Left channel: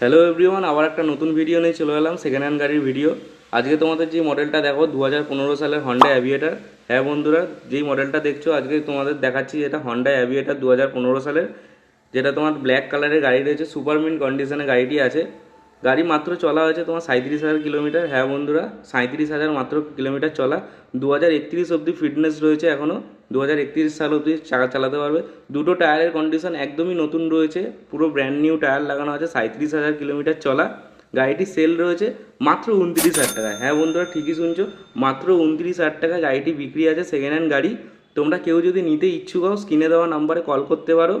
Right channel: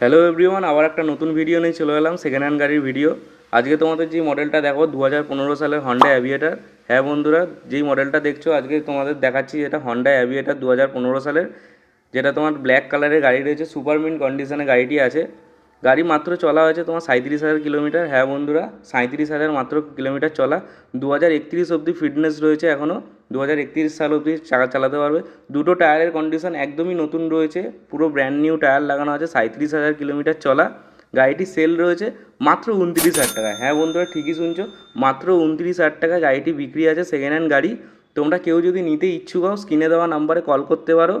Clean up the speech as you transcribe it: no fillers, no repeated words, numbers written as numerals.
Hello everyone, আবার একটা নতুন ভিডিও নিয়ে চলে এলাম, সেকেন্ড হ্যান্ড গাড়ির ভিডিও। আজকে তোমাদের যে মডেলটা দেখো 2015 সালের হন্ডা অ্যাভিয়েটার। হ্যাঁ বন্ধুরা, যেই মডেলটা দেখছো আজকে তোমাদের দেখাচ্ছি, এটা হন্ডা অ্যাভিয়েটার 2015 সালের, যেটা তোমার ব্ল্যাক কালারের গাড়ি রয়েছে, সুপার মিন্ট কন্ডিশনে গাড়িটি আছে। গাড়ি মাত্র চলা হয়েছে তোমার 37,000 কিলোমিটার। হ্যাঁ বন্ধুরা, 37,000 মাত্র কিলোমিটার চলা। 2031 অবধি ফিটনেস রয়েছে এখনও, 2031 সাল অবধি চাকা চালাতে পারবে। দুটো টায়ারের কন্ডিশন একদমই নতুন রয়েছে, পুরো ব্র্যান্ড নিউ টায়ার লাগানো আছে। 37,000 কিলোমিটার চলা গাড়িটি সেল রয়েছে মাত্র 29,000 টাকা। হ্যাঁ বন্ধুরা, ঠিকই শুনছো, মাত্র 29,000 টাকা গাড়িটি বিক্রি আছে, সেকেন্ড হ্যান্ড গাড়ি। তোমরা কেউ যদি নিতে ইচ্ছুক হও, স্ক্রিনে দেওয়া নাম্বারে কল করতে পারো।